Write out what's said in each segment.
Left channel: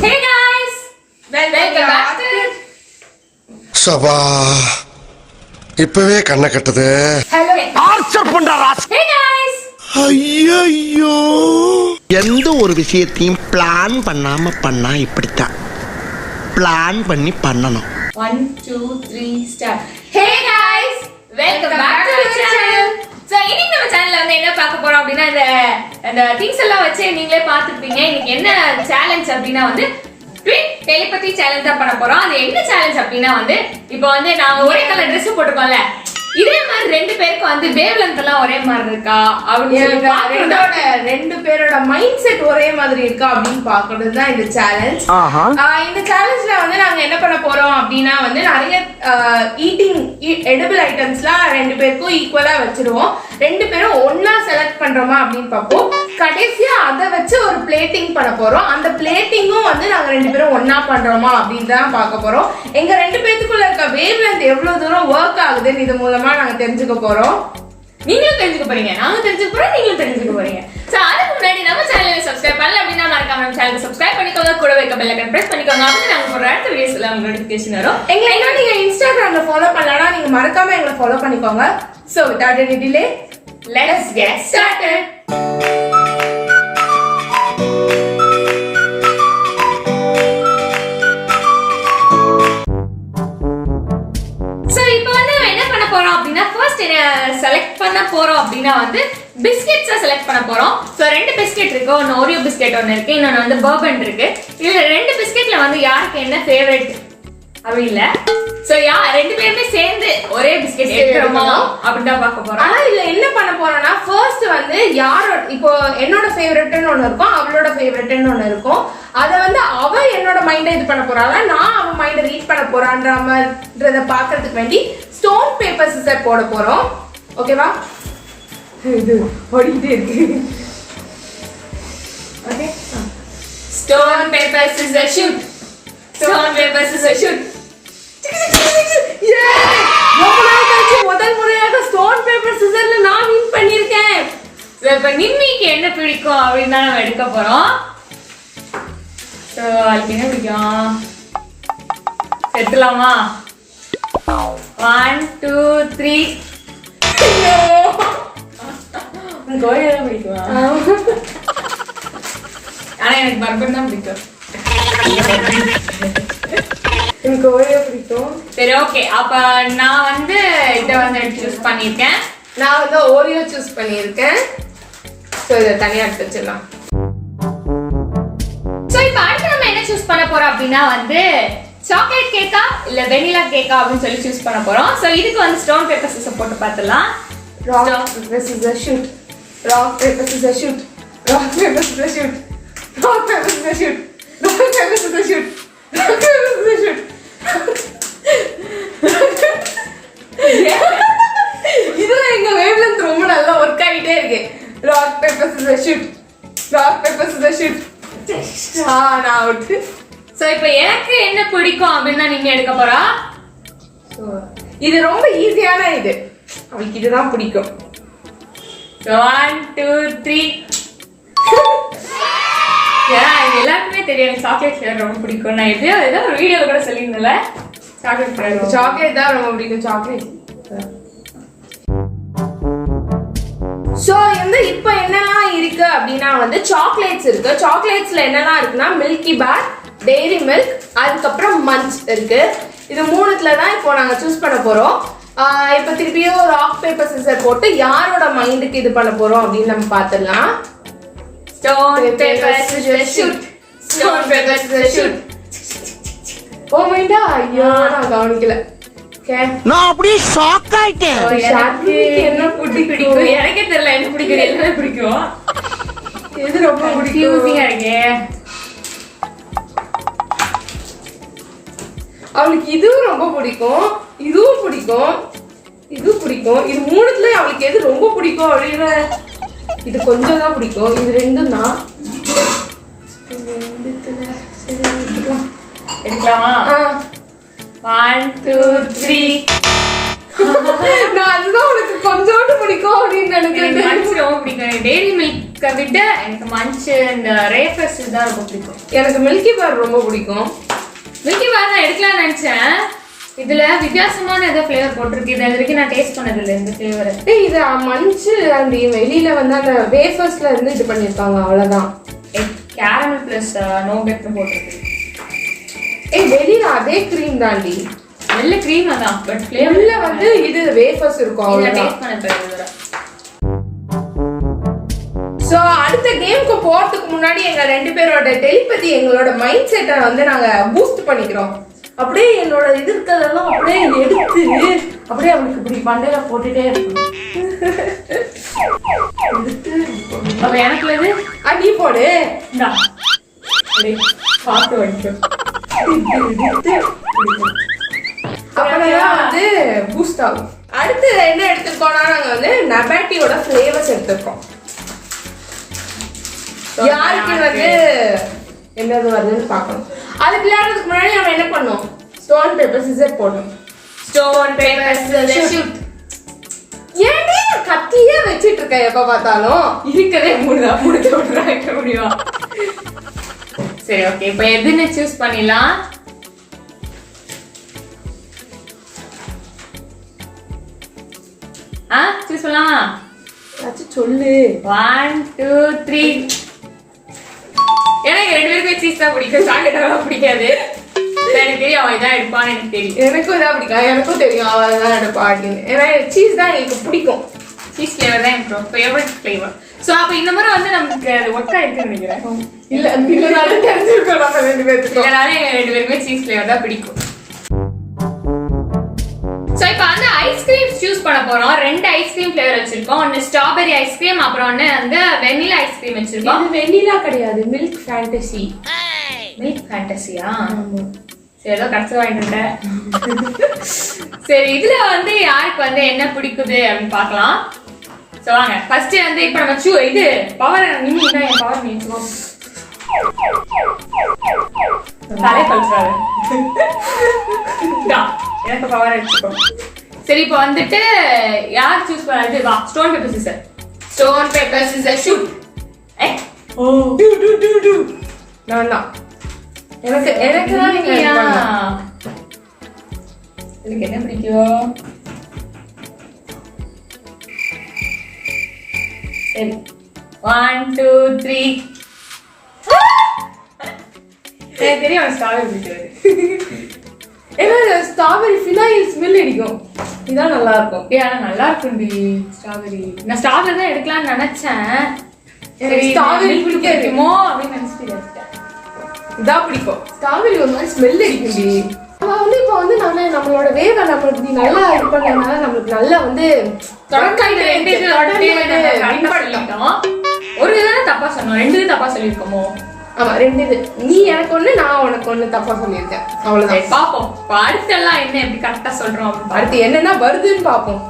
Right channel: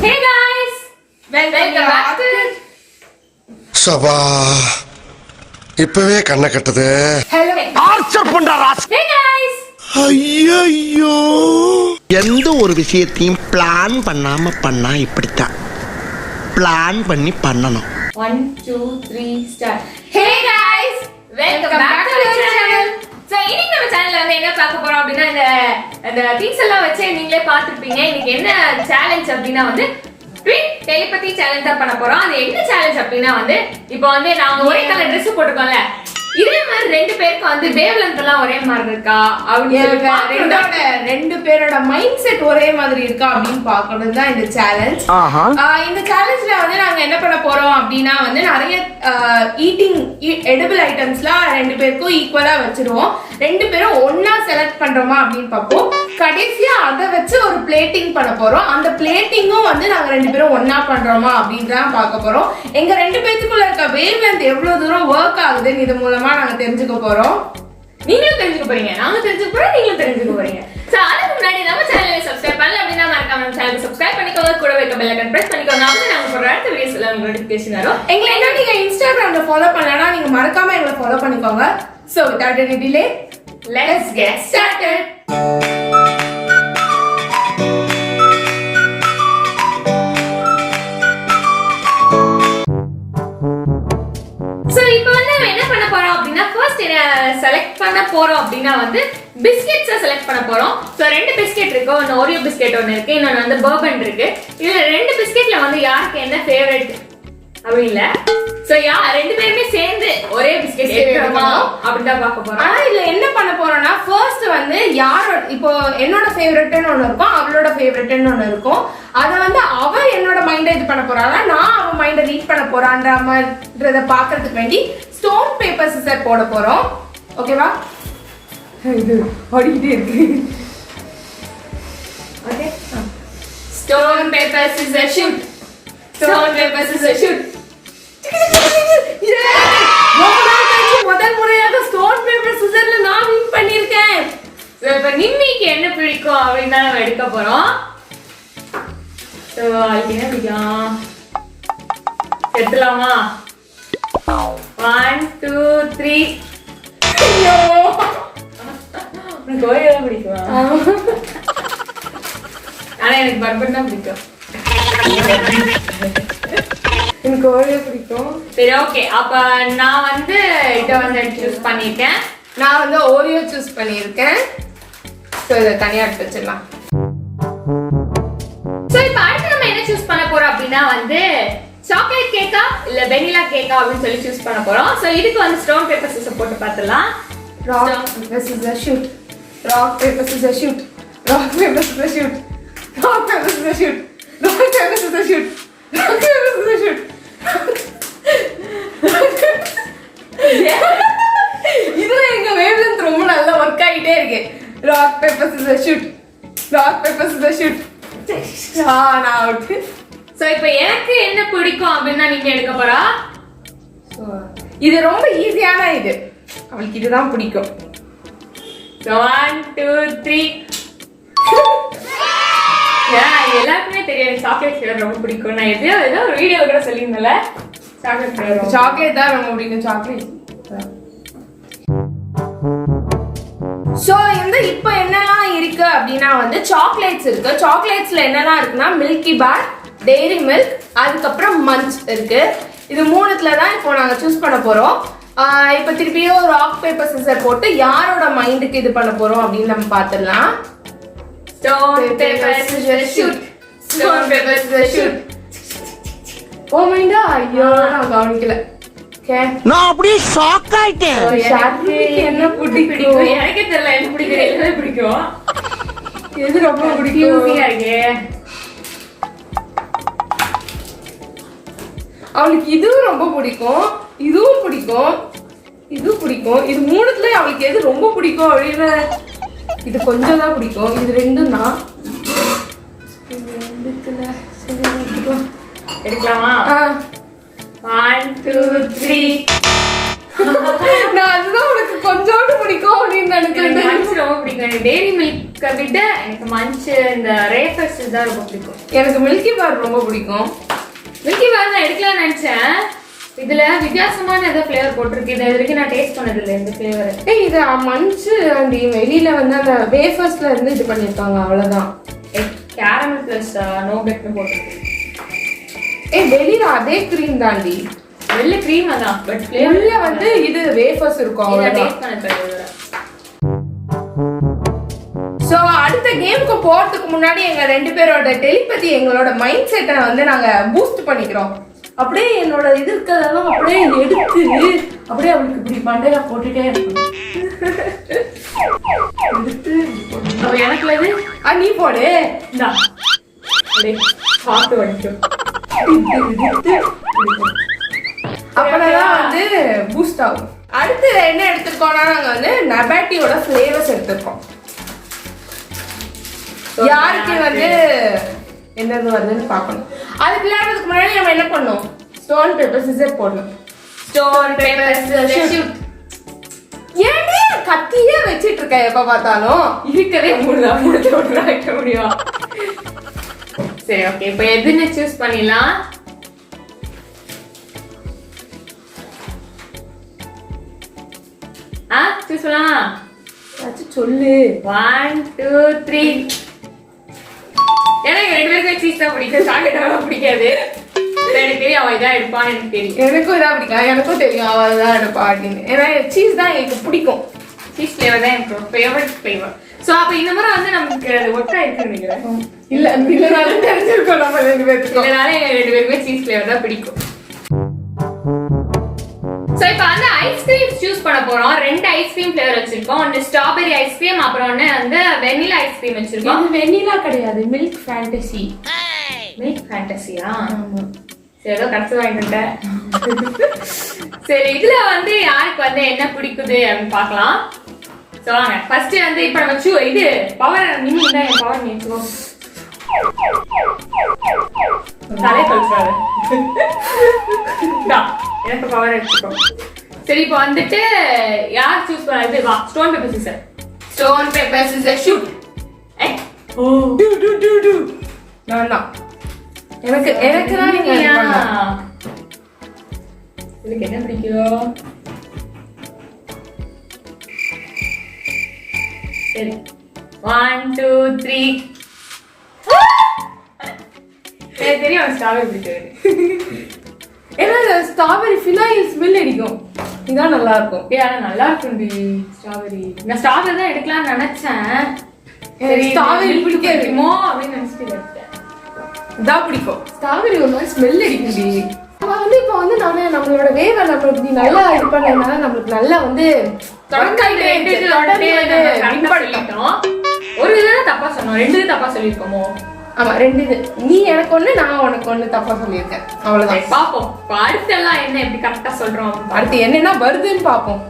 Hey guys, welcome back to சபா இப்பவே கண்ண கட்டது. Hello. Archer பண்றா ராஸ். Hey guys. ஐயோ எந்த ஒரு விஷயத்தையும் பிளான் பண்ணாம பண்ணா இப்படித்தான். பிளான் பண்ணி பண்ணணும். 1 2 3 start. Hey guys, welcome back to our channel. So இன்னைக்கு நம்ம சேனல்ல வந்து என்ன பார்க்க போறோம் அப்படினா இந்த திங்ஸ் எல்லாம் வச்சு நீங்களே பார்த்துப்பீங்க. இன்னைக்கு என்ன சேலஞ்ச் அப்படினா வந்து ட்வின் டெலிபதி சேலஞ்ச் தான் பண்ண போறோம். அது என்ன சேலஞ்ச் அப்படினா வந்து இப்போ வந்து நாங்க ஒரே கலர் Dress போட்டுக்கோம்ல, இதே மாதிரி ரெண்டு பேருக்கு வந்து வேவ் லென்த் எல்லாம் ஒரே மாதிரி இருக்கா அப்படின்னு ரெண்டு பேரோட மைண்ட் செட் ஒரே மாதிரி இருக்கா அப்படின்னு பாக்குறது தான் இந்த சேலஞ்ச். இந்த சேலஞ்ச்ல வந்து நாங்க என்ன பண்ண போறோம் அப்படின்னா வந்து நிறைய ஈட்டிங் எடிபிள் ஐட்டம்ஸ்லாம் ரெண்டு பேருக்கும் ஈக்குவலா வச்சிருவோம். ரெண்டு பேரும் ஒன்னா செலக்ட் பண்றோமா அப்படின்னு பார்ப்போம். கடைசியா அதை வச்சு ஒரு பிளேட்டிங் பண்ண போறோம். அந்த பிளேட்டிங்கும் வந்து நாங்க ரெண்டு பேரும் ஒன்னா பண்றோமா அப்படின்னு தான் பார்க்க போறோம். எங்க ரெண்டு பேத்துக்குள்ள இருக்க வேவ் லென்த் எவ்வளவு தூரம் ஒர்க் ஆகுதுன்னு இது மூலமா நாங்க தெரிஞ்சுக்க போறோம். நீங்களும் தெரிஞ்சுக்க போறீங்க, நாங்க தெரிஞ்சுக்க போறோம், நீங்களும் தெரிஞ்சுக்க போறீங்க. சோ அதுக்கு முன்னாடி நம்ம சேனலை சப்ஸ்கிரைப் பண்ணல அப்படின்னா மறக்காம நம்ம சேனலை சப்ஸ்கிரைப் பண்ணிக்கோங்க, கூட வைக்க பெல் ஐகான் பிரஸ் பண்ணிக்கோங்க. அப்ப நாங்க போற அடுத்த வீடியோஸ் எல்லாம் உங்களுக்கு நோட்டிஃபிகேஷன் வரும். எங்களை இன்னும் நீங்க இன்ஸ்டாகிராம்ல ஃபாலோ பண்ணலனா நீங்க மறக்காம எங்களை ஃபாலோ பண்ணிக்கோங்க. So without any delay, let's get started. Select பண்ண போறோம் அப்படின்னா வந்து பிஸ்கெட்ஸை செலக்ட் பண்ண போறோம். ஸோ ரெண்டு பிஸ்கெட் இருக்கு, ஒன்று ஓரியோ பிஸ்கெட் ஒன்று இருக்கு, இன்னொன்று வந்து பர்பன் இருக்கு. இதுல ரெண்டு பிஸ்கெட்ல வந்து யாருக்கு என்ன ஃபேவரட் அப்படி இல்ல. சோ ரெண்டு பேருமே சேர்ந்து ஒரே பிஸ்கெட் எடுக்கிறோமா அப்படின்னு தான் பார்க்க போறோம். ஆனா இதுல என்ன பண்ண போறோம்னா ஃபர்ஸ்ட் வந்து யாரோட இப்போ என்னோட ஃபேவரட்னு ஒன்று இருக்கும், அவளோட ஃபேவரட்னு ஒன்று இருக்கும். அதை வந்து அவ என்னோட மைண்டை இது பண்ண போறாளா, நான் அவன் மைண்டை ரீட் பண்ண போறான்ற மாதிரின்றத பாக்குறதுக்கு வேண்டி ஸ்டோன் பேப்பர் சிசர் போட போறோம். ஓகேவா? இது ஓடிட்டே இருக்கு. Okay, stone paper scissor shoot. Stone paper scissor shoot. முதல் முறையாக ஸ்டோன் பேப்பர் சிசர்ல நான் வின் பண்ணிருக்கேன். இப்ப நிம்மிக்கு என்ன பிடிக்கும் அப்படின்னு தான் நம்ம எடுக்க போறோம். அதுக்கு என்ன பிடிக்கும் எடுத்துலாமா? 1 2 3. கோயில் பிடிக்குமா? ஆனா எனக்கு பர்பன் தான் பிடிக்கும். எனக்கு ஓரியோ பிடிக்கும். சரி, ஓகே. அப்ப நான் வந்து இதை வந்து சூஸ் பண்ணிருக்கேன். நான் வந்து ஓரியோ சூஸ் பண்ணிருக்கேன். சோ இத தனியா எடுத்து வச்சிடலாம். சோ இப்போ அடுத்து நம்ம என்ன சூஸ் பண்ண போறோம் அப்படின்னா வந்து சாக்லேட் கேக்கா இல்ல வெனிலா கேக்கா அப்படின்னு சொல்லி சூஸ் பண்ண போறோம். சோ இதுக்கு வந்து ஸ்டோன் பேப்பர் சிசர் போட்டு பார்த்துடலாம். Rock paper scissor shoot. Rock paper scissor shoot. Rock paper scissor shoot. Rock paper scissor shoot. Rock paper scissor shoot. Rock paper scissor shoot. இதுல எங்க வேவ்லென்த் ரொம்ப நல்லா ஒர்க் ஆகிட்டே இருக்கு. Rock paper scissor shoot. Rock paper scissor shoot. நான் out. So இப்போ எனக்கு என்ன பிடிக்கும் அப்படின்னா நீங்க எடுக்க போறா. இது ரொம்ப ஈஸியான இது, அவளுக்கு இதுதான் பிடிக்கும். 1 2 3. எல்லாருக்குமே தெரியும் சாக்லேட் ஃபிளேவர் ரொம்ப பிடிக்கும். நான் ஏதோ ஒரு வீடியோல கூட சொல்லியிருந்தேன்ல, சாக்லேட் ஃபிளேவர். சாக்லேட் தான் ரொம்ப பிடிக்கும். சாக்லேட். சோ இந்த இப்போ என்னெல்லாம் இருக்கு அப்படின்னா வந்து சாக்லேட்ஸ் இருக்கு. சாக்லேட்ஸ்ல என்னெல்லாம் இருக்குன்னா மில்கி பார், டெய்ரி மில்க், அதுக்கப்புறம் மஞ்ச் இருக்கு. இது மூணுத்துல தான் இப்போ நாங்க சூஸ் பண்ண போறோம். இப்போ திருப்பியும் ராக் பேப்பர் சிசர் போட்டு யாரோட மைண்டுக்கு இது பண்ண போறோம் அப்படின்னு நம்ம பார்த்துடலாம். Stone paper scissor shoot. Stone paper scissor shoot. ஓ மைண்டா, ஐயோ நான் கவனிக்கல. நான் அப்படியே ஷாக் ஆயிட்டேன். என்ன பிடிக்கும் எனக்கே தெரியல என்ன பிடிக்கும், என்ன பிடிக்கும், எது ரொம்ப பிடிக்கும் இருக்கே. அவளுக்கு இதுவும் ரொம்ப பிடிக்கும், இதுவும் பிடிக்கும், இது பிடிக்கும். இது மூணுத்துல அவளுக்கு எது ரொம்ப பிடிக்கும் அப்படின்னு இது கொஞ்சம் தான் பிடிக்கும். இது ரெண்டும் தான். எடுக்கலாமா? 1 2 3. நான் அதுதான் உனக்கு கொஞ்சோண்டு பிடிக்கும் அப்படின்னு நினைக்கிறேன். ரொம்ப பிடிக்கும். டெய்ரி மில்க் மில்க்ஸை விட எனக்கு மஞ்ச் இந்த ரேஃபர்ஸ் தான் ரொம்ப பிடிக்கும். எனக்கு மில்கி பார் ரொம்ப பிடிக்கும். மில்கி பார் நான் எடுக்கலாம்னு நினைச்சேன். இதுல வித்தியாசமான ஏதோ ஃபிளேவர் போட்டிருக்கு. இது வரைக்கும் நான் டேஸ்ட் பண்ணது இல்லை இந்த ஃபிளேவர். இது மஞ்சு அந்த வெளியில வந்து அந்த வேஃபர்ஸ்ல இருந்து இது பண்ணிருக்காங்க, அவ்வளவுதான். கேரமல் பிளஸ் நோகட்னு போட்டிருக்கு. வெளியில அதே கிரீம் தாண்டி, வெள்ளை கிரீம் அதான், பட் உள்ள வந்து இது வேஃபர்ஸ் இருக்கும், அவ்வளவுதான். சோ அடுத்த கேமுக்கு போறதுக்கு முன்னாடி எங்க 2 பேரோட டெலிபதி எங்களோட மைண்ட் செட்டை வந்து நாங்க பூஸ்ட் பண்ணிக்கிறோம். அப்படியே என்னோட இது இருக்கிறதெல்லாம் அப்படியே எடுத்து அப்படியே அவளுக்கு இப்படி பண்டையில போட்டுட்டே இருக்கணும். எனக்கு நீ போடு, காத்து வடிக்கும். அப்பதான் வந்து பூஸ்ட் ஆகும். அடுத்து என்ன எடுத்திருக்கோம்னா நாங்க வந்து நபாட்டியோட ஃபிளேவர்ஸ் எடுத்திருக்கோம். யாருக்கு வந்து என்னது வருதுன்னு பார்க்கணும். அது விளையாடுறதுக்கு முன்னாடி நம்ம என்ன பண்ணோம்? ஸ்டோன் பேப்பர் சிசர் போடணும். Stone paper scissor. ஏன்டி கத்தியே வச்சிட்டு இருக்க எப்ப பார்த்தாலும்? இருக்கவே முடிஞ்ச விட்டுறா வைக்க முடியுமா? சரி ஓகே, இப்போ எதுன்னு சூஸ் பண்ணிடலாம். சூஸ் பண்ணலாம். சொல்லு. 1 2 3. எனக்கு 2 பேருக்குமே சீஸ் தான் பிடிக்கும், சாக்லேட் பிடிக்காது. எனக்கு தெரியும் அவன் இதான் எடுப்பான்னு எனக்கு தெரியும். எனக்கும் இதான் பிடிக்கும், எனக்கும் தெரியும் அவன் இதான் எடுப்பா அப்படின்னு. ஏன்னா சீஸ் தான் எனக்கு பிடிக்கும். சீஸ் ஃபிளேவர் தான் எனக்கு ஃபேவரட் ஃபிளேவர். ஸோ அப்போ இந்த முறை வந்து நமக்கு அது ஒட்டா இருக்குன்னு நினைக்கிறேன். இல்லைனால தெரிஞ்சிருக்கோம் நம்ம 2 பேருக்கும். இதனால எங்க 2 பேருமே சீஸ் ஃபிளேவர் தான் பிடிக்கும். ஸோ இப்போ வந்து ஐஸ்கிரீம் சூஸ் பண்ண போறோம். 2 ஐஸ்கிரீம் ஃபிளேவர் வச்சிருக்கோம். ஒன்று ஸ்ட்ராபெரி ஐஸ்கிரீம், அப்புறம் ஒன்று வந்து வெனிலா ஐஸ்கிரீம் வச்சிருக்கோம். வெனிலா கிடையாது, மில்க் ஃபேண்டசி. Milk Fantasia? சரி ஏதோ கடைசி வாங்கிட்டு. சரி இதுல வந்து யாருக்கு வந்து என்ன பிடிக்குது அப்படின்னு பார்க்கலாம். ஸோ வாங்க ஃபர்ஸ்ட் வந்து இப்போ நம்ம இது பவர் நீங்க தான் என் பவர் நீச்சோ தலை கழிச்சாரு எனக்கு பவர் எடுத்துக்கோ. சரி இப்போ வந்துட்டு யார் சூஸ் பண்ணது? வா stone paper scissor. Stone paper scissor shoot. ஓ டு டு டு டு. நான் எனக்கு தான் நீங்க பண்ணலாம். இதுக்கு என்ன பிடிக்கும்? சரி 1 2 3. எனக்கு தெரியும் ஸ்ட்ராபெரி பிடிக்காது. ஏன்னா ஸ்ட்ராபெரி ஃபினாயில் ஸ்மெல் அடிக்கும். இதான் நல்லா இருக்கும். ஆனா நல்லா இருக்கும்டி ஸ்ட்ராபெரி. நான் ஸ்ட்ராபெரி தான் எடுக்கலாம்னு நினைச்சேன். எனக்கு ஸ்ட்ராபெரி பிடிக்காதுமோ அப்படின்னு நினைச்சிட்டு இதான் பிடிக்கும். ஸ்ட்ராபெரி ஒரு மாதிரி ஸ்மெல் அடிக்கும்டி. நம்ம வந்து இப்போ வந்து நம்மளோட வேவை நம்மளுக்கு நல்லா இது பண்ணதுனால நம்மளுக்கு நல்லா வந்து ஒரு இதுதான் தப்பா சொன்னோம், 2 இது தப்பா சொல்லியிருக்கோமோ? ஆமா 2 இது. நீ எனக்கு ஒண்ணு, நான் உனக்கு ஒண்ணு தப்பா சொல்லியிருக்கேன். அவ்வளவுதான். பாப்போம் அடுத்தெல்லாம் என்ன எப்படி கரெக்டா சொல்றோம். அடுத்து என்னன்னா வருதுன்னு பாப்போம்.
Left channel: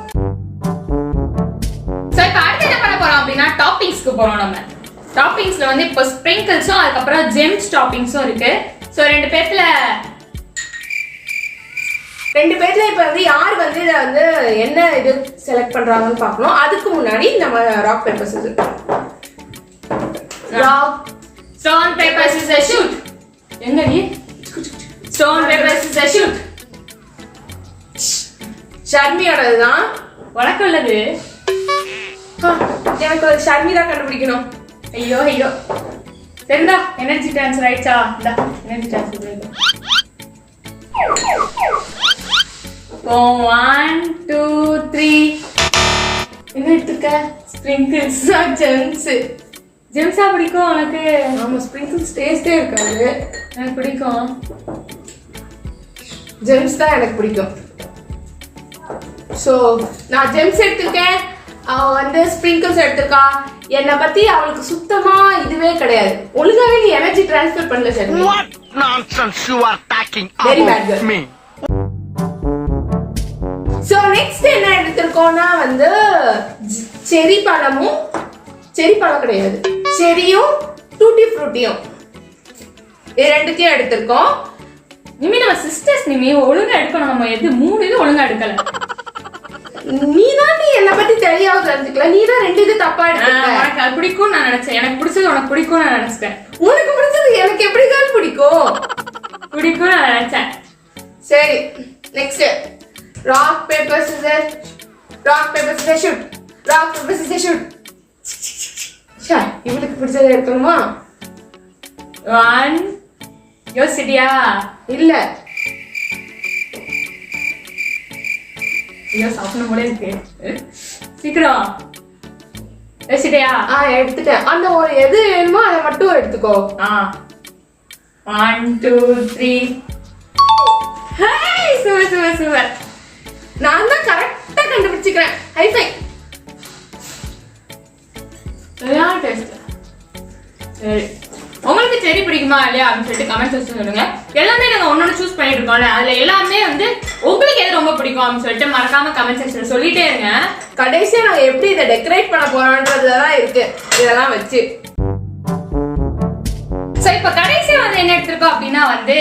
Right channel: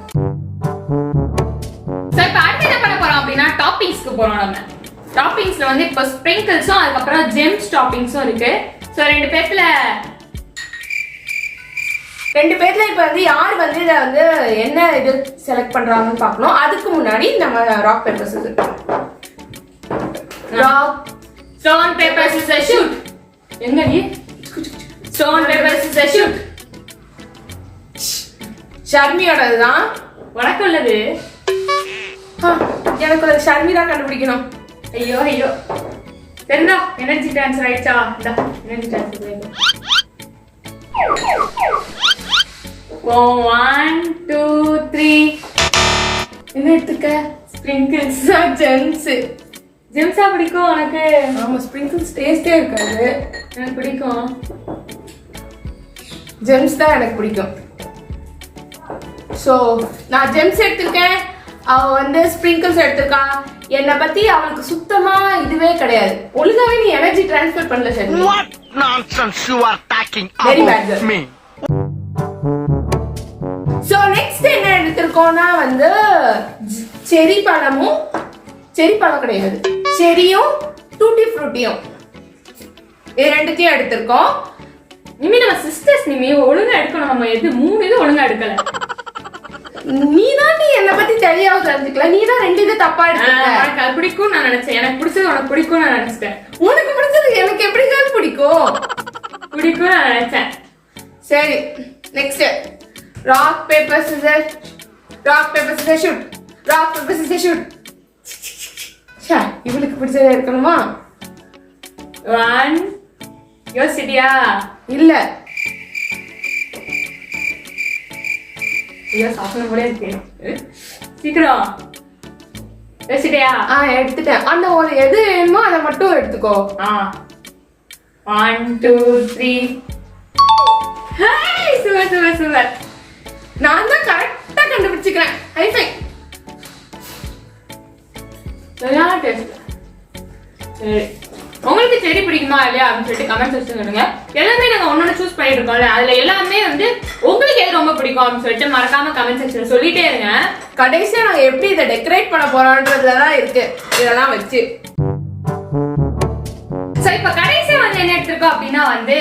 சோ இப்ப அடுத்து என்ன பண்ண போறோம் அப்படின்னா டாப்பிங்ஸ்க்கு போறோம். நம்ம டாப்பிங்ஸ்ல வந்து இப்போ ஸ்ப்ரிங்கிள்ஸும் அதுக்கப்புறம் ஜெம்ஸ் டாப்பிங்ஸும் இருக்கு. சோ 2 பேர்ல இப்ப வந்து யார் வந்து இதை வந்து என்ன இது செலக்ட் பண்றாங்கன்னு பார்க்கணும். அதுக்கு முன்னாடி நம்ம rock paper scissor. Rock stone paper scissor shoot. எங்க நீ? Stone paper scissor shoot. ஷர்மியோடது தான். உனக்கு உள்ளது. எனக்கு ஒரு ஷர்மி தான் கண்டுபிடிக்கணும். ஐயோ ஐயோ. சரிடா, எனர்ஜி ட்ரான்ஸ்ஃபர் ஆயிடுச்சா? இந்தா எனர்ஜி ட்ரான்ஸ்ஃபர் ஆயிடுச்சு. 1 2 3. என்ன எடுத்துக்க? ஸ்ப்ரிங்கிள்ஸ். ஜெம்ஸ். ஜெம்ஸா பிடிக்கும் உனக்கு? ஆமா, ஸ்ப்ரிங்கிள்ஸ் டேஸ்டே இருக்காது. எனக்கு பிடிக்கும். ஜெம்ஸ் தான் எனக்கு பிடிக்கும். சோ நான் ஜெம்ஸ் எடுத்திருக்கேன், அவ வந்து ஸ்ப்ரிங்கிள்ஸ் எடுத்திருக்கா. என்னை பத்தி அவளுக்கு சுத்தமா இதுவே கிடையாது. ஒழுங்காவே நீ எனர்ஜி ட்ரான்ஸ்ஃபர் பண்ணல. சரி, What nonsense you are talking Very bad about girl. me? So next என்ன எடுத்திருக்கோம்னா வந்து செரி பழமும், செரி பழம் கிடையாது, செரியும் டூட்டி ஃப்ரூட்டியும், இது 2த்தையும் எடுத்திருக்கோம். இனிமே நம்ம சிஸ்டர்ஸ், நீ ஒழுங்கா எடுக்கணும். நம்ம எது 3 இது ஒழுங்கா எடுக்கல. நீ என்னை பத்தி தெரியாம தெரிஞ்சுக்கல. நீ தான் 2 இது தப்பா எடுத்துக்க. உனக்கு அது பிடிக்கும் நான் நினைச்சேன். எனக்கு பிடிச்சது உனக்கு பிடிக்கும் நான் நினைச்சேன். உனக்கு பிடிச்சது எனக்கு எப்படி தான் பிடிக்கும் நான் நினைச்சேன். சரி, next. Rock paper scissor. Rock paper scissor shoot. Rock paper scissor shoot. இவனுக்கு பிடிச்சது இருக்கணுமா? 1 யோசிடியா? இல்ல. ஐயோ சாப்பிட போல இருக்கு. சீக்கிரம் யோசிடியா? எடுத்துட்டேன். அந்த ஒரு எது வேணுமோ அதை மட்டும் எடுத்துக்கோ. 1 2 3. Hi super. நான் தான் கரெக்டா கண்டுபிடிச்சிக்கிறேன். ஹைஃபை. டேஸ்ட். சரி, உங்களுக்கு செடி பிடிக்குமா இல்லையா அப்படின்னு சொல்லிட்டு கமெண்ட் செக்ஷன் சொல்லுங்க. எல்லாமே நாங்க ஒன்னொன்னு சூஸ் பண்ணிட்டு இருக்கோம்ல, அதுல எல்லாமே வந்து உங்களுக்கு எது ரொம்ப பிடிக்கும் அப்படின்னு சொல்லிட்டு மறக்காம கமெண்ட் செக்ஷன் சொல்லிட்டே இருங்க. கடைசியா நாங்க எப்படி இதை டெக்கரேட் பண்ண போறோம்ன்றதுலதான் இருக்கு இதெல்லாம் வச்சு. சோ இப்ப கடைசியா வந்து என்ன எடுத்திருக்கோம் அப்படின்னா வந்து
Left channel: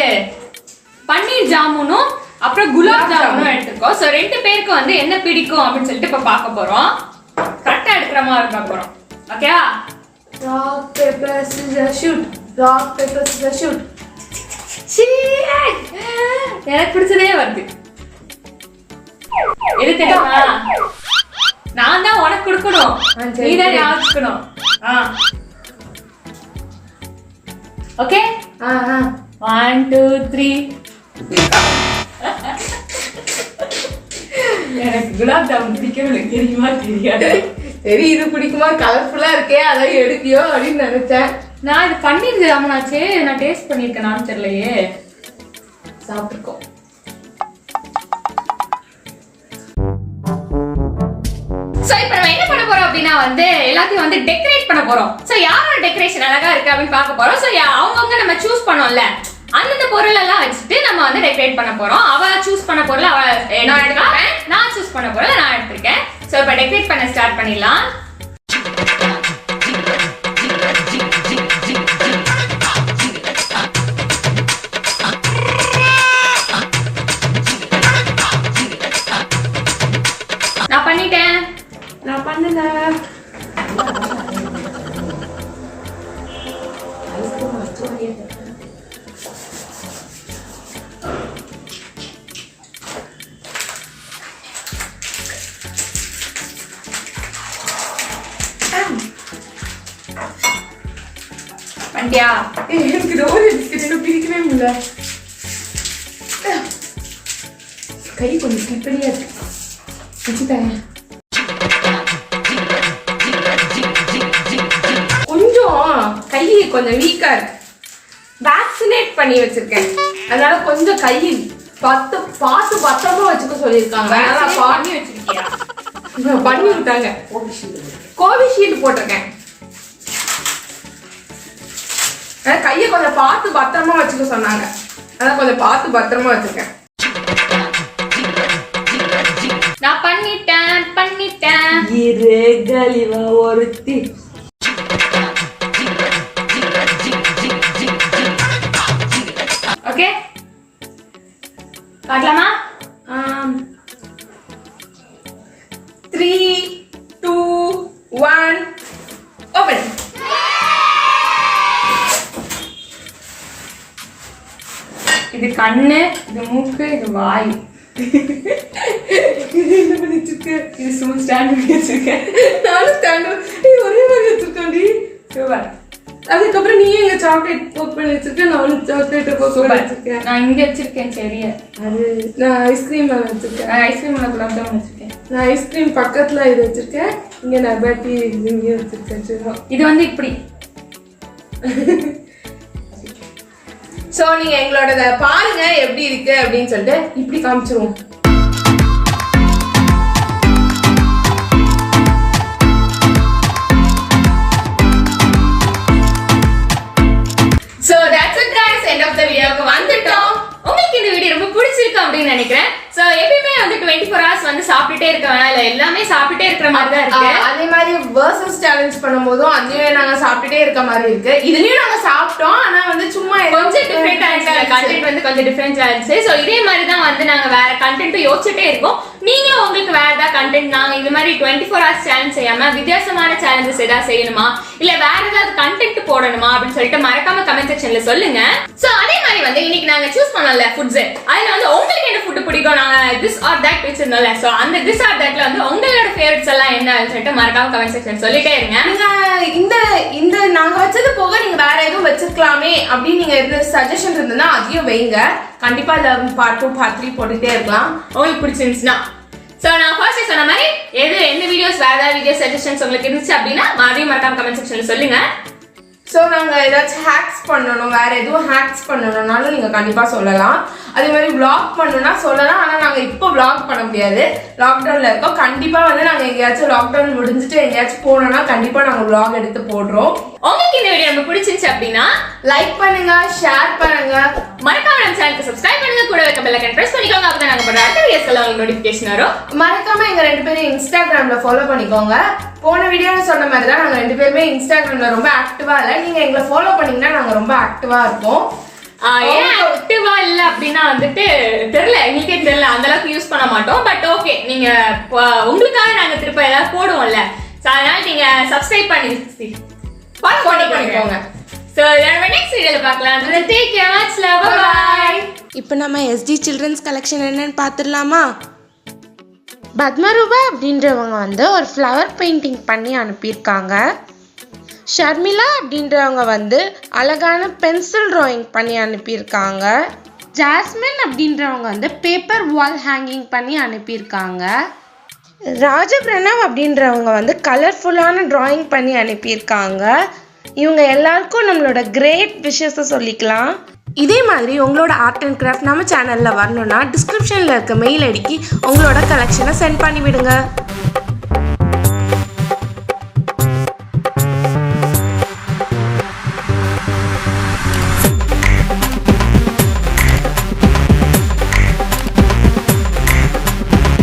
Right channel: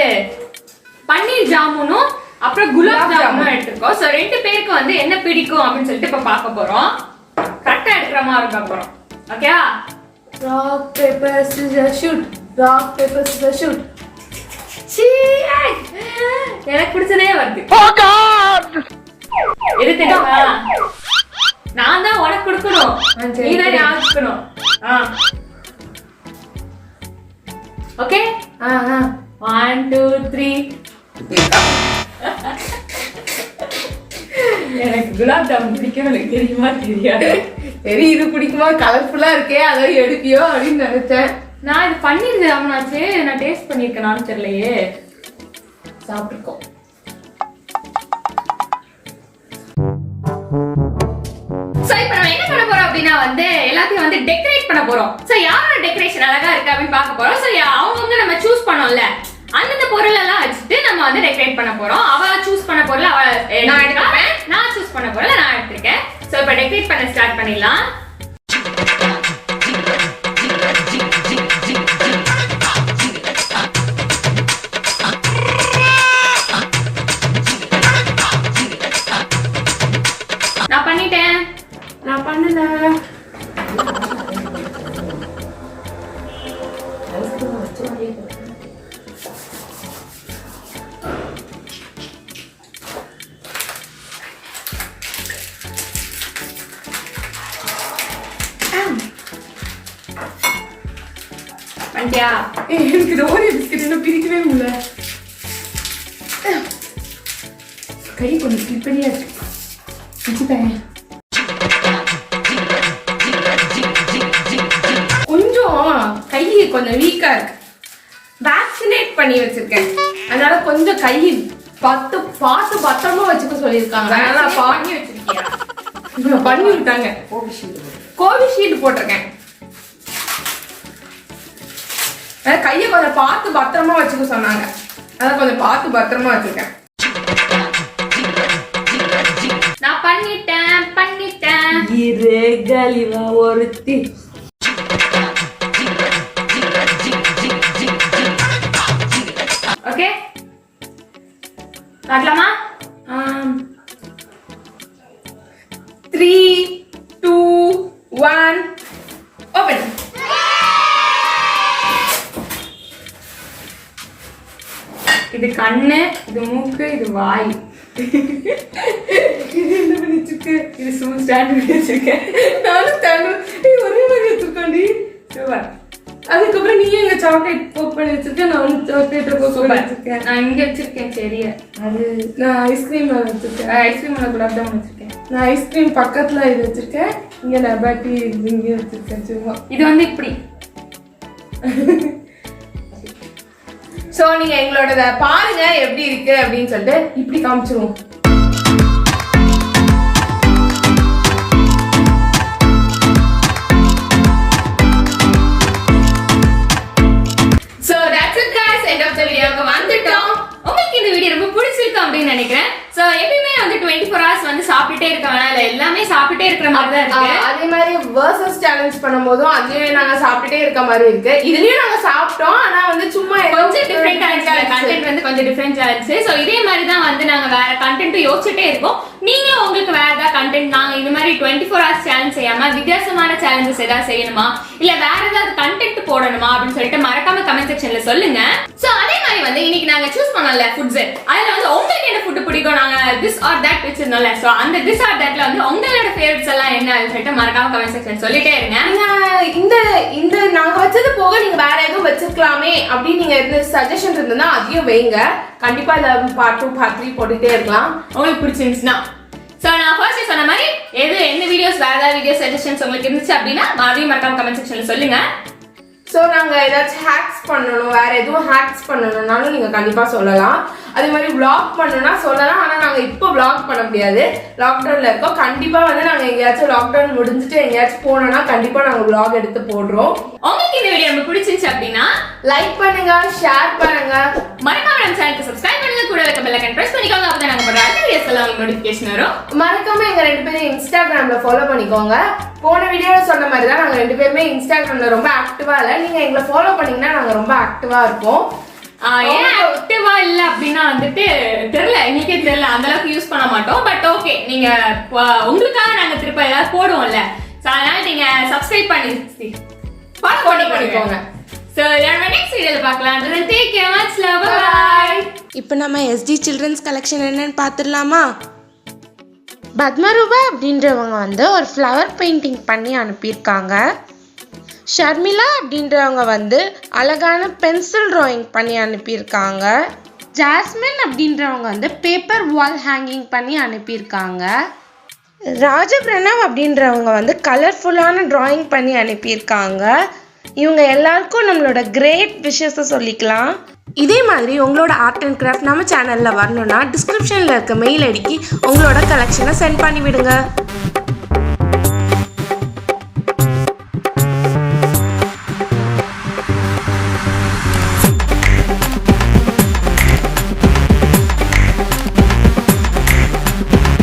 பன்னீர் ஜாமுனும் அப்புறம் குலாப் ஜாமுனும் எடுத்திருக்கோம். சோ 2 பேருக்கு வந்து என்ன பிடிக்கும் அப்படின்னு சொல்லிட்டு இப்ப பார்க்க போறோம். கரெக்டா எடுக்கிற மாதிரி பார்க்க போறோம். ஓகேயா? Rock paper scissor shoot. Rock paper scissor shoot. எனக்கு பிடிச்சதே வருது. எடுத்துக்கா, நான் தான் உனக்கு கொடுக்கணும், நீ தான் ஞாபகம். ஓகே, 1 2 3. எனக்கு குலாப் ஜாமுன் பிடிக்கும். எனக்கு தெரியுமா தெரியாது? சரி, இது பிடிக்குமா? கலர்ஃபுல்லா இருக்கே, அதான் எடுப்பியோ அப்படின்னு நினைச்சேன். நான் இது பன்னீர் ஜாமுனாச்சே, நான் டேஸ்ட் பண்ணிருக்கேன். நானும் தெரியலையே. சாப்பிட்டுருக்கோம். சோ இப்போ நம்ம என்ன பண்ண போறோம் அப்படின்னா வந்து எல்லாத்தையும் வந்து டெக்கரேட் பண்ண போறோம். சோ யாரோட டெக்கரேஷன் அழகா இருக்கு அப்படின்னு பார்க்க போறோம். சோ அவங்கவுங்க நம்ம சூஸ் பண்ணோம்ல, அந்தந்த பொருள் எல்லாம் வச்சுட்டு நம்ம வந்து டெக்கரேட் பண்ண போறோம். அவ சூஸ் பண்ண பொருள் அவ நான் எடுத்துப்பேன், நான் சூஸ் பண்ண பொருள் நான் எடுத்திருக்கேன். சோ இப்போ டெக்கரேட் பண்ண ஸ்டார்ட் பண்ணிடலாம். நான் பண்ணிட்டேன். நான் பண்ணல. பண்ணிட்டியா? எனக்கு ரோல் பிஸ்கெட் பிரிக்கவே முடியல. கை கொஞ்சம் ஸ்லிப் பண்ணியா இருக்கு. கொஞ்சம் கை கொஞ்சம் வீக்கா இருக்கு. வேக்சினேட் பண்ணி வச்சிருக்கேன், அதனால கொஞ்சம் கை பார்த்து பத்திரமா வச்சுக்க சொல்லியிருக்காங்க. அதனால பண்ணி வச்சிருக்கியா? பண்ணி விட்டாங்க. கோவிஷீல்டு போட்டிருக்கேன். கையை கொஞ்சம் பார்த்து பத்திரமா வச்சுக்க சொன்னாங்க, அதான் கொஞ்சம் பார்த்து பத்திரமா வச்சிருக்கேன். நான் பண்ணிட்டேன். இரு கலிவா ஒருத்தி. ஓகே, காட்டலாமா? 3 2 1 ஓபன். இது கண்ணு, இது மூக்கு, இது வாய். இது என்ன பண்ணி வச்சிருக்க? இது சும்மா ஸ்டாண்ட் பண்ணி வச்சிருக்கேன். நானும் ஸ்டாண்ட் ஒரே மாதிரி வச்சிருக்கோண்டி. சூப்பர். அதுக்கப்புறம் நீ எங்க சாக்லேட் போக் பண்ணி வச்சிருக்க, நானும் சாக்லேட்டை போக் பண்ணி வச்சிருக்கேன். நான் இங்க வச்சிருக்கேன். சரியா? அது நான் ஐஸ்கிரீம் வச்சிருக்கேன். ஐஸ்கிரீம் குலாப் ஜாமுன் வச்சிருக்கேன். நான் ஐஸ்கிரீம் பக்கத்துல இது வச்சிருக்கேன். இங்க நபாட்டி இங்க வச்சிருக்கேன். சும்மா இது வந்து இப்படி. சோ நீங்க எங்களோட பாருங்க எப்படி இருக்கு அப்படின்னு சொல்லிட்டு இப்படி காமிச்சிருவோம். So that's it guys, end of the video க்கு வந்துட்டோம். உங்களுக்கு இந்த வீடியோ ரொம்ப பிடிச்சிருக்கு அப்படின்னு நினைக்கிறேன். சோ எப்பவுமே வந்து 24 hours வந்து சாப்பிட்டுட்டே இருக்க வேணாம், இல்ல எல்லாமே சாப்பிட்டுட்டே இருக்கிற மாதிரி தான் இருக்கு. அதே மாதிரி வெர்சஸ் சேலஞ்ச் பண்ணும்போதும் அதுலயே நாங்க சாப்பிட்டுட்டே இருக்க மாதிரி இருக்கு. இதுலயும் நாங்க சாப்பிட்டோம், ஆனா வந்து சும்மா கொஞ்சம் டிஃபரெண்டா இருந்துச்சு. கண்டென்ட் வந்து கொஞ்சம் டிஃபரெண்டா இருந்துச்சு. சோ இதே மாதிரி தான் வந்து நாங்க வேற கண்டென்ட் யோசிச்சுட்டே இருக்கோம். நீங்களும் உங்களுக்கு வேற ஏதாவது கண்டென்ட் நாங்க இது மாதிரி 24 hours சேலஞ்ச் செய்யாம வித்தியாசமான சேலஞ்சஸ் ஏதாவது செய்யணுமா இல்ல வேற ஏதாவது கண்டென்ட் போடணுமா அப்படின்னு சொல்லிட்டு மறக்காம கமெண்ட் செக்ஷன்ல சொல்லுங்க. சோ அதே மாதிரி வந்து இன்னைக்கு நாங்க சூஸ் பண்ணல ஃபுட்ஸ், அதுல வந்து உங்களுக்கு என்ன ஃபுட் பிடிக்கும் நாங்க திஸ் ஆர் தட் வச்சிருந்தோம்ல. சோ அந்த திஸ் ஆர் தட்ல வந்து உங்களோட ஃபேவரட்ஸ் எல்லாம் என்ன சொல்லிட்டு மறக்காம கமெண்ட் செக்ஷன் சொல்லிட்டே இருங்க. இந்த இந்த நாங்க வச்சது போக நீங்க வேற எதுவும் வச்சிருக்கலாமே அப்படின்னு நீங்க எது சஜஷன் இருந்ததுன்னா அதையும் வைங்க. கண்டிப்பா இதை பார்ட் 2 பார்ட் 3 போட்டுட்டே இருக்கலாம் உங்களுக்கு பிடிச்சிருந்துச்சுன்னா. சோ நான் ஃபர்ஸ்ட் சொன்ன மாதிரி எந்த வீடியோஸ் வேற ஏதாவது வீடியோ சஜஷன்ஸ் உங்களுக்கு இருந்துச்சு அப்படின்னா மறுபடியும் மறக்காம கமெண்ட் செக்ஷன்ல சொல்லுங்க. ஸோ நாங்கள் ஏதாச்சும் ஹேக்ஸ் பண்ணணும், வேற எதுவும் ஹேக்ஸ் பண்ணணும்னாலும் நீங்கள் கண்டிப்பாக சொல்லலாம். அதே மாதிரி vlog பண்ணணும்னா சொல்லலாம். ஆனால் நாங்கள் இப்போ vlog பண்ண முடியாது, லாக்டவுனில் இருக்கோம். கண்டிப்பாக வந்து நாங்கள் எங்கேயாச்சும் லாக்டவுன் முடிஞ்சுட்டு எங்கேயாச்சும் போனோம்னா கண்டிப்பாக நாங்கள் vlog எடுத்து போடுறோம். உங்களுக்கு இந்த வீடியோ ரொம்ப பிடிச்சிருந்துச்சு அப்படின்னா லைக் பண்ணுங்க, ஷேர் பண்ணுங்க, மறக்காம நம்ம சேனலுக்கு சப்ஸ்கிரைப் பண்ணுங்க, கூட இருக்க பெல் ஐகான் பிரஸ் பண்ணிக்கோங்க. அப்பதான் நாங்க போடுற அடுத்த வீடியோஸ் எல்லாம் உங்களுக்கு நோட்டிஃபிகேஷன் வரும். மறக்காம எங்க 2 பேரும் இன்ஸ்டாகிராம்ல ஃபாலோ பண்ணிக்கோங்க. போன வீடியோல சொன்ன மாதிரி தான் நாங்க 2 பேருமே இன்ஸ்டாகிராம்ல ரொம்ப ஆக்டிவா இல்ல. நீங்க எங்களை ஃபாலோ பண்ணீங்கன்னா நாங்க ரொம்ப ஆக்டிவா இருப்போம். ஏன் ஆக்டிவா இல்ல அப்படின்னா வந்துட்டு தெரியல, எங்களுக்கே தெரியல, அந்த அளவுக்கு யூஸ் பண்ண மாட்டோம். பட் ஓகே, நீங்க உங்களுக்காக நாங்க திருப்ப ஏதாவது போடுவோம்ல, அதனால நீங்க சப்ஸ்கிரைப் பண்ணி ஃபாலோ பண்ணிக்கோங்க. So, next வீடியோல பார்க்கலாம். Take care, much love, bye. இப்போ நம்ம எஸ்டி சில்ட்ரன்ஸ் கலெக்ஷன் என்னன்னு பார்த்துடலாமா? பத்மரூபா அப்படின்றவங்க வந்து ஒரு ஃப்ளவர் பெயிண்டிங் பண்ணி அனுப்பியிருக்காங்க. ஷர்மிளா அப்படின்றவங்க வந்து அழகான பென்சில் ட்ராயிங் பண்ணி அனுப்பியிருக்காங்க. ஜாஸ்மின் அப்படின்றவங்க வந்து பேப்பர் வால் ஹேங்கிங் பண்ணி அனுப்பியிருக்காங்க. ராஜபிரணவ் அப்படின்றவங்க வந்து கலர்ஃபுல்லான ட்ராயிங் பண்ணி அனுப்பியிருக்காங்க. இவங்க எல்லாருக்கும் நம்மளோட கிரேட் விஷஸை சொல்லிக்கலாம். இதே மாதிரி உங்களோட ஆர்ட் அண்ட் கிராஃப்ட் நம்ம சேனலில் வரணும்னா டிஸ்கிரிப்ஷனில் இருக்க மெயில் ஐடிக்கு உங்களோட கலெக்ஷனை சென்ட் பண்ணி விடுங்க.